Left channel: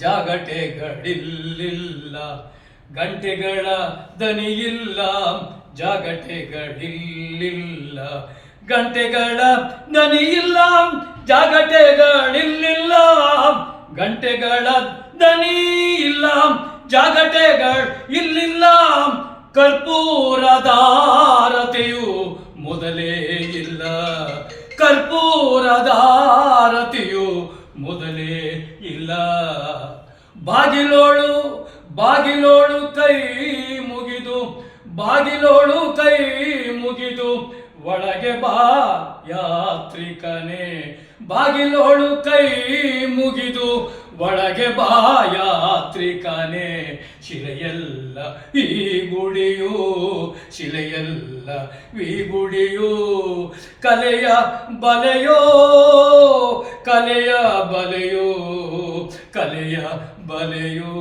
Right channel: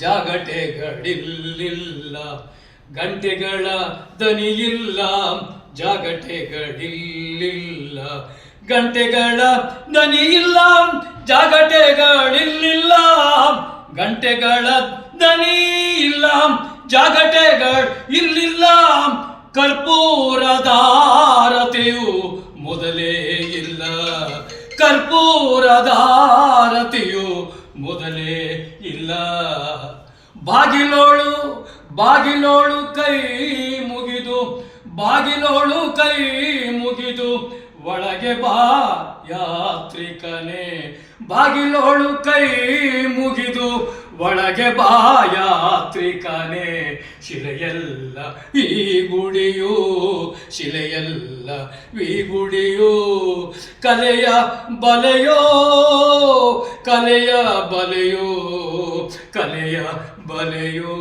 ಜಾಗಟೆಗಳಿಲ್ಲ, ಗಂಟೆಗಳ ದನಿಯಿಲ್ಲ, ಜಾಗಟೆಗಳಿಲ್ಲ, ಗಂಟೆಗಳ ದನಿಯಿಲ್ಲ, ಜಾಗಟೆಗಳಿಲ್ಲ, ಗಂಟೆಗಳ ದನಿ ಇಲ್ಲ, ಜಾಗಟೆಗಳು ಇಲ್ಲಿಲ್ಲ, ಕರ್ಪೂರದಾರತಿಯು ಮೊದಲೇ ಇಲ್ಲ, ಕರ್ಪೂರದಾರತಿಯು ಮೊದಲೇ ಇಲ್ಲ. ಬಾಗಿಲೋಳು ಬಾಗಿಲೋಳು ಕೈ ಮುಗಿದು, ಬಾಗಿಲೋಳು ಕೈ ಮುಗಿದು, ಒಳಗೆ ಬಾ ಯಾತ್ರಿಕನೇ, ಬಾಗಿಲೋಳು ಕೈ ಮುಗಿದು, ಒಳಗೆ ಬಾ ಯಾತ್ರಿಕನೇ. ಶಿಲೆಯಲ್ಲ ಈ ಗುಡಿಯು, ಶಿಲೆಯಲ್ಲ ಈ ಗುಡಿಯು, ಕಲೆಯ ಬಲೆಯೋ, ಕಲೆಯ ಬಲೆಯೋ, ಕಲೆಯ ಬಲೆಯೋ.